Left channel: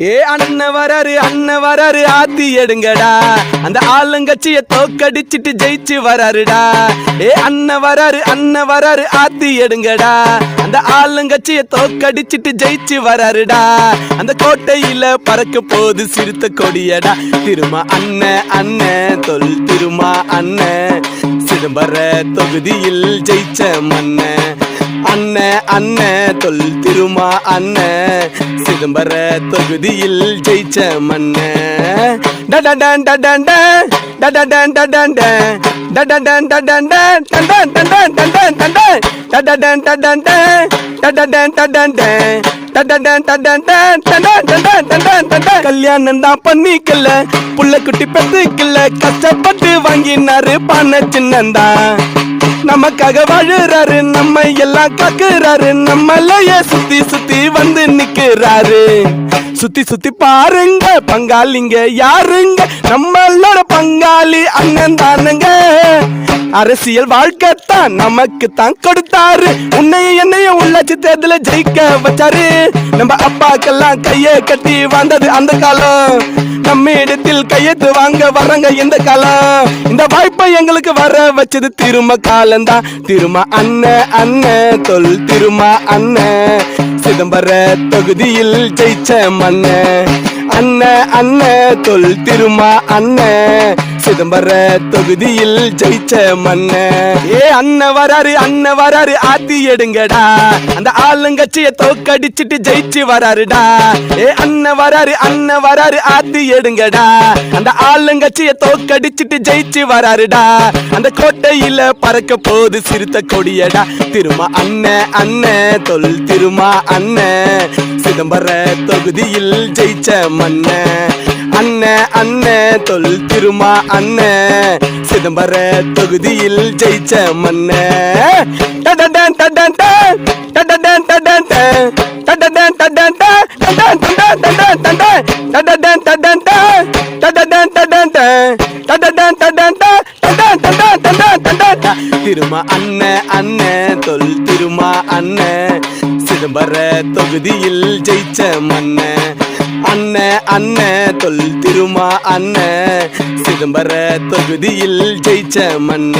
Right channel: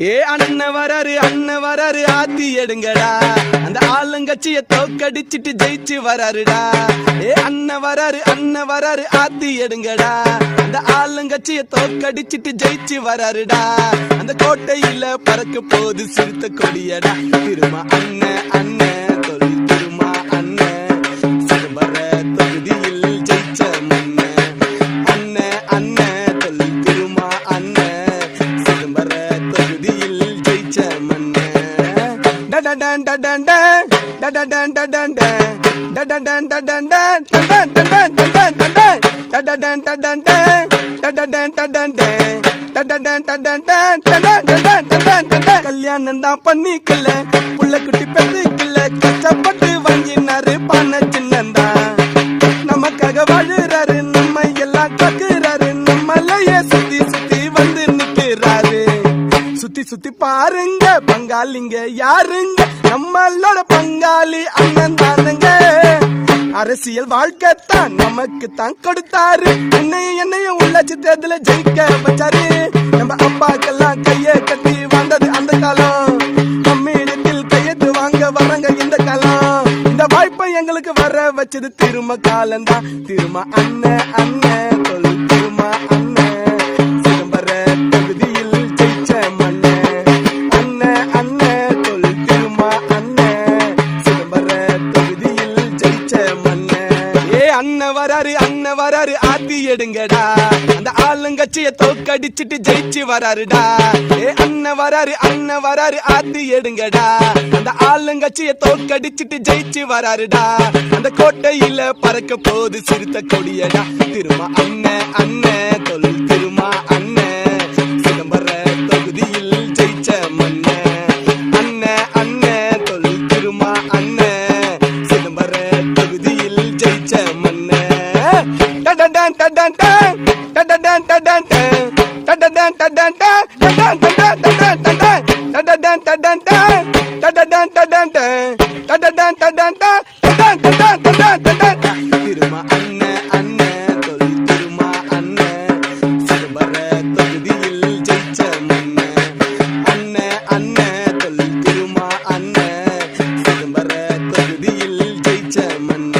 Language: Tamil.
அண்ணன் வராரு ஆத்தி எடுங்கடா, அந்த ஆளுங்கட்சிய தோக்கடிச்சிட்டு ஜெயிச்சு வராருடா. அண்ணன் வராரு ஆத்தி எடுங்கடா, அந்த ஆளுங்கட்சிய தோக்கடிச்சிட்டு ஜெயிச்சு வராருடா. அந்த கோட்டையில பறக்க போது சிறுத்த கொடியடா. திருமா அண்ணன் தொல் திருமா அண்ணன், சிதம்பர தொகுதியில் ஜெயிச்ச மன்ன. அண்ணன் தொல் திருமா அண்ணன், சிதம்பர தொகுதியில் ஜெயிச்ச மன்ன. டடடன் டடன் டடடன் டடன் டடடன் டடன் டடன் டடன் டடன் டடன் டடடன் டடன் டடடன் டடன் டடன் டடன் டடன் டடன் டடன். கல்யாணம் தான் பண்ணிக்கல, புள்ள குட்டி பெத்துக்கல, கஷ்டப்பட்டு வாங்கினாரு பண்ண சின்னந்தா. நமக்காக வாழுறாரு, நம்ம எல்லாம் காக்குறாரு, நம்மளையே சுத்தி சுத்தி வந்து நிக்கிறாரு. சுத்தி சுத்தி பாருங்க பங்காளிங்க யாருங்க, நம்மளோட பங்காளி அண்ணன் தானுங்க. அரசியல் வாழ்க்கைத்தான் நமக்கு தான் கொடுத்தாரு, உன்னையும் என்னையும் உள்ளாட்சி தேர்தல ஜெயிக்க வச்சாரு. நம்ம அப்பாக்கெல்லாம் கைய கட்டி வந்தது அந்த காலம், நம்ம இடத்தில் கையெழுத்து வாங்க வர்றாங்க இந்த காலம். இந்த வாய்ப்பை எங்களுக்கு வர வச்சது திரும்ப காலம்தான். திருமா அண்ணன் தொல் திருமா அண்ணன், சிதம்பர தொகுதியில் ஜெயிச்ச மன்ன. அண்ணன் தொல் திருமா அண்ணன், சிதம்பர தொகுதியில் ஜெயிச்ச மன்ன. அண்ணன் வராரு ஆத்தி எடுங்கடா, அந்த ஆளுங்கட்சிய தோக்கடிச்சிட்டு ஜெயிச்சு வராருடா. அண்ணன் வராரு ஆத்தி எடுங்கடா, அந்த ஆளுங்கட்சிய தோக்கடிச்சிட்டு ஜெயிச்சு வராருடா. அந்த கோட்டையில பறக்க போது சிறுத்த கொடியடா. திருமா அண்ணன் தொல் திருமா அண்ணன், சிதம்பர தொகுதியில் ஜெயிச்ச மன்ன. அண்ணன் தொல் திருமா அண்ணன், சிதம்பர தொகுதியில் ஜெயிச்ச மன்ன. டடன் டடன் டடன் டடன் டடன் டடன் டடன் டடன் டடன் டடன் டடன் டடன். திருமா அண்ணன் தொல் திருமா அண்ணன், சிதம்பர தொகுதியில் ஜெயிச்ச மன்ன. அண்ணன் தொல் திருமா அண்ணன், சிதம்பர தொகுதியில் ஜெயிச்ச மன்ன.